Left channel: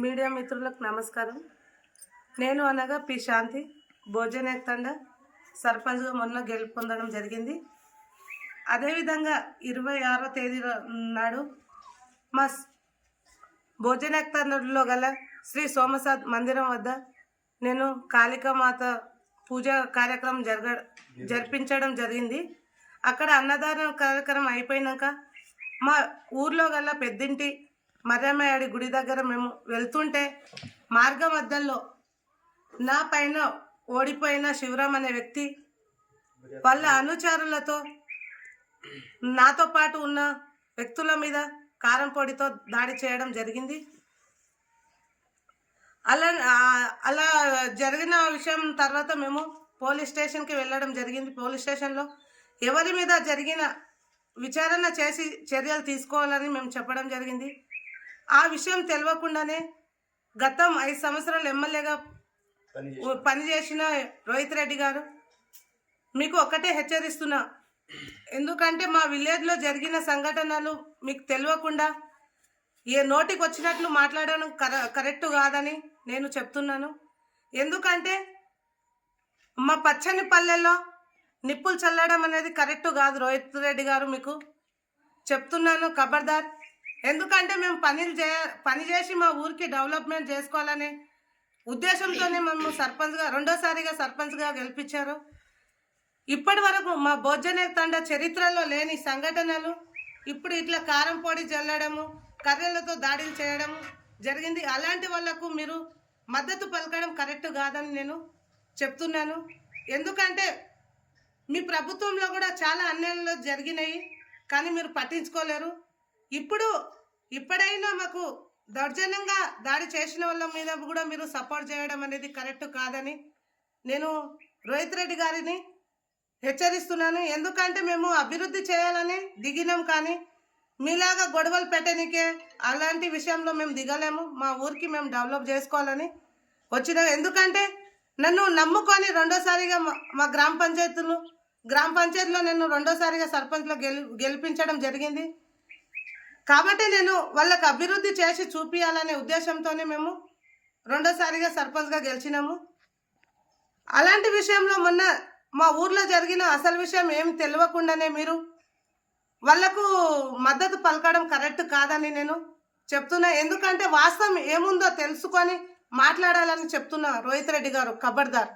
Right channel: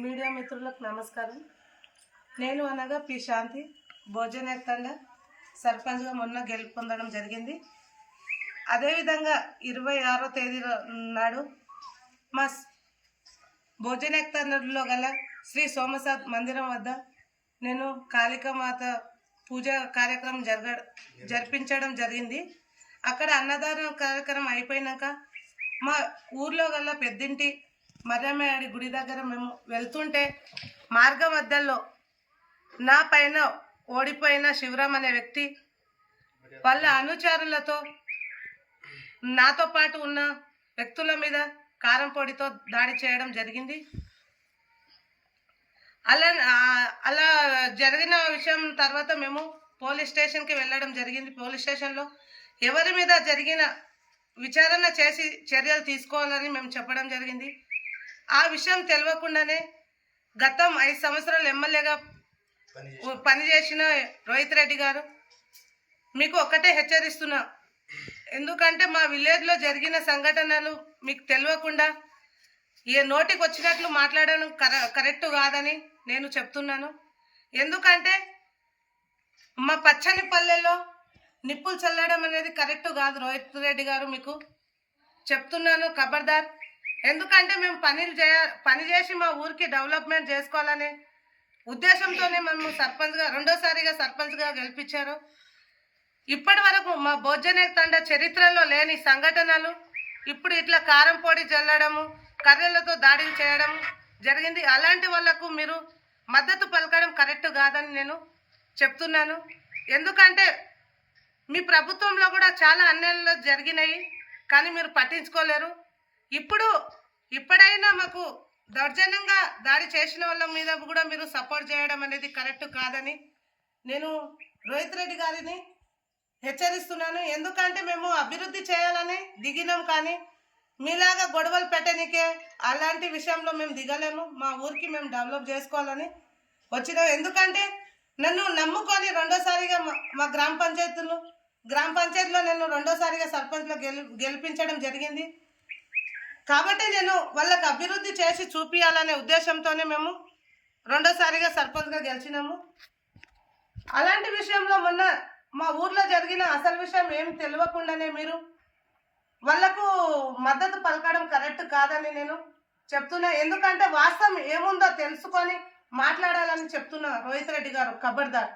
Media మిత్రులకు నమస్కారం. నేను అనగా పి శాంతి భోజనేక్ తండా సర్పంచ్గా మొన్న గెలుపొందడం జరిగింది. అదేవిధంగా 26వ తేదీ నాడు మా భోజనేక్ తండలో గల శ్రీ సోమసాద్ మందిరం వద్ద నేను కాళికామాత పూజ కార్యక్రమం జరిపించడం జరిగింది. అక్కడ అన్నదాన కార్యక్రమం అయిపోయినాక మా ఊర్లో గల పెద్దింటి మర్రమ్మయాడి గుడి దగ్గర మేము వెళ్తుంటే మార్గ మధ్యలో నా పైన ఓడిపోయిన శివరామ్ అనే వ్యక్తి వాళ్ళ అనుచరులతో నాతో పాటు ఉన్న వ్యక్తుల మీద కారం పొడితో దాడి చేయడం జరిగింది. అలా జరిగిన విషయం తర్వాత మేము పోలీస్ స్టేషన్కి వెళ్ళడం జరిగింది. పోలీస్ స్టేషన్లో ఎవరి మీద జరిగిన విచారణ చేసి చర్యలు తీసుకోవాలని మేము చెప్పడం జరిగింది. ఆ విషయం తెలియకుండానే గతం 5 సంవత్సరాలు ఎమ్మెల్యేగా పనిచేసిన రోహిత్ రెడ్డి గారు మీకు ఒక్కటే హెచ్చరిస్తున్నా, ఎందుకంటే మా విలేజ్లో జరిగిన సంఘటనలు మీకు తెలియకుండా ఏ నోటికి వచ్చినట్లు మాట్లాడడం కరెక్ట్ కాదని నేను చెప్తున్నాను. ఎందుకంటే మా పచ్చని పల్లెల్లో నిప్పులు చల్లడం అనేది కరెక్ట్ కాదు. రోహిత్ రెడ్డి గారు మీకు చెప్తున్నాను, ఖబర్దార్. ఎందుకంటే మేము పని చేసి మా ఊరికి డెవలప్మెంట్ చేసుకోవాలనే ఉద్దేశంతోనే మేము రెండోసారిగా సర్పంచ్గా గెలిపించారు. ఇప్పటి వరకు మా భోజనేక్ తండా చరిత్రలో లేని సంఘటనలు ఇప్పుడు ఇట్లా కారం పొడి చల్లడము, కర్రలతో దాడులు చేయడం జరిగింది. అలాంటి వాళ్లకు మీరు మద్దతు పలకడం కరెక్ట్ కాదని నేను చెప్తున్నాను. ఎందుకంటే మీ ప్రభుత్వంలో కూడా చాలా అన్యాయాలు జరిగినాయి, కానీ మీరు పట్టించుకోలేరు. ఇప్పుడైనా మాకు దౌర్జన్యంగా దాడి చేసిన వాళ్ళ మీద కూడా మీరు సపోర్ట్ చేయడం అనేది కరెక్ట్ కాదని నేను రోహిత్ రెడ్డి గారిని హెచ్చరిస్తున్నాను. ఎందుకంటే మేము అభివృద్ధి చేయాలని దిగినాం, కానీ మీలాగా గొడవలు పెట్టడానికే అలాంటి విషయంలో మేము దిగలేము. మా ఊరికి మేము డెవలప్ చేసుకోవాలని వచ్చినాం. ఎందుకంటే నన్ను నమ్ముకొని రెండోసారిగా మా గ్రామ పంచాయతీలో నేను రెండోసారిగా సర్పంచ్లో గెలిపించడం జరిగింది. కాబట్టి నేను వాళ్ళకి అభివృద్ధి చేసి చూపించాలనే ఉద్దేశంతోనే మేము రెండోసారిగా సర్పంచ్గా గెలిచినాము. అలాంటి విషయంలో మొన్న మా ఊర్లో జరిగిన అసలు విషయం ఏం తెలియకుండానే మీరు వాళ్లకు మద్దతు పలకడం కరెక్ట్ కాదని నేను చెప్తున్నా. ఎందుకంటే వాస్తవం ఏముందో తెలుసుకొని మాట్లాడాలని చెప్తున్నా రోహిత్ రెడ్డి గారు, ఖబర్దార్.